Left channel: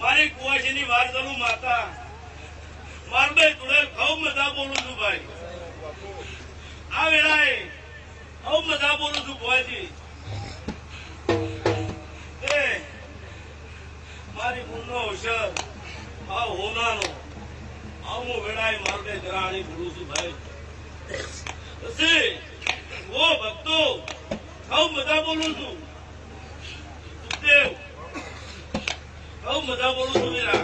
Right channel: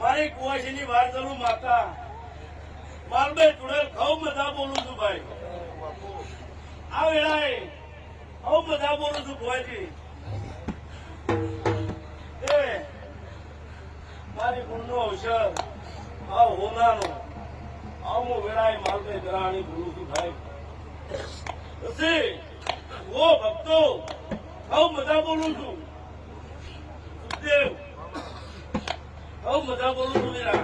મારી કુવાસીની વાત કરું માતા મારબે તુડેલ ખૂબ મજા બોલું છું ભાઈ આ વેળાએ ખૂબ મજા બોલું છું કુવાસી એ મારી ગુણનો અવસર આ હોનાનો આવું વેળાએ મારબે ગરાણી બોલું છું ભાઈ પછી ઓ ભક્તો ખૂબ મજા બોલું છું સુખદેવ ખૂબ મજા બોલું છું વીરા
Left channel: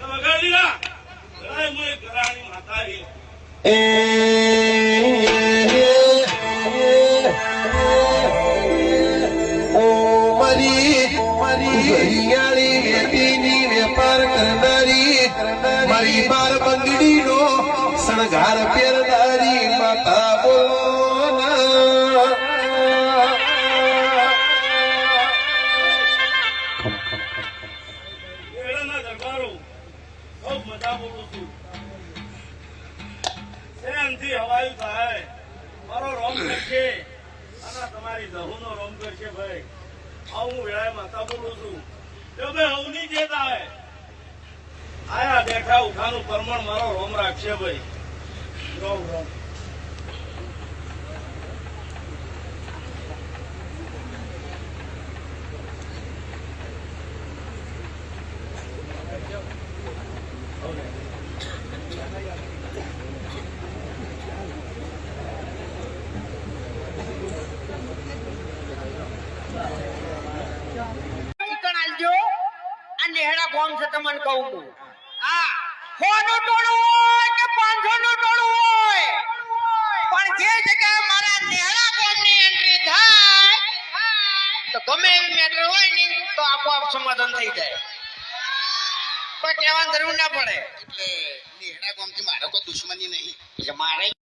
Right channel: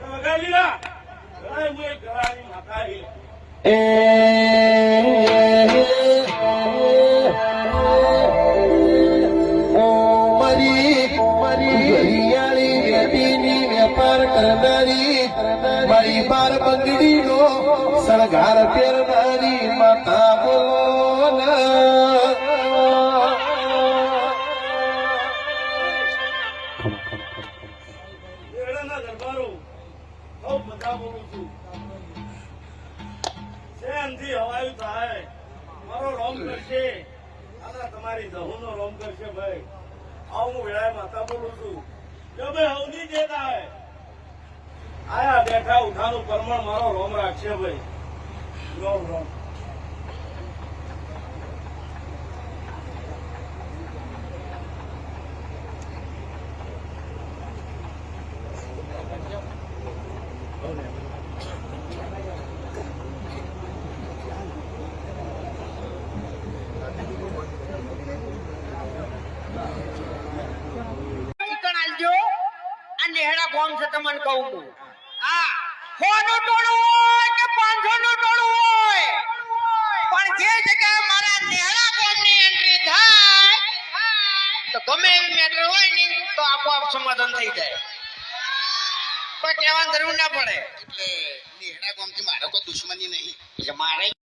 તમે કહી દીધા હું એક ઘરાણી માતા વેપાર કરનારી મારી બાર બંગડી નો સણગાર પહેરનારી માતા બોલો મારો રોમ કરશે તમારી દહુનો રોમ કરશે ભાઈ હું વેળાએ માતા બોલું છું જો ભાઈ હવની જે થાય આયા બેઠા ઉઠાનું પરમણ મારો રોમ રાખશે ભાઈ રોમ રોમ કોમ છે તમને કહું છું હા 100 નું ટોળું હોય કે 500 નું ટોળું હોય પણ જે જગ્યાએ મારા નેહડા કોમની એન્ટ્રી થાય તો ગમે એવી મેટર હોય ને તો આપોઆપ સમાધાન થઈ જાય કોઈ કહેવાની જરૂર ના પડે એટલે નેહડા કોમથી મારો કોઈ દુશ્મની નહીં એટલે મારે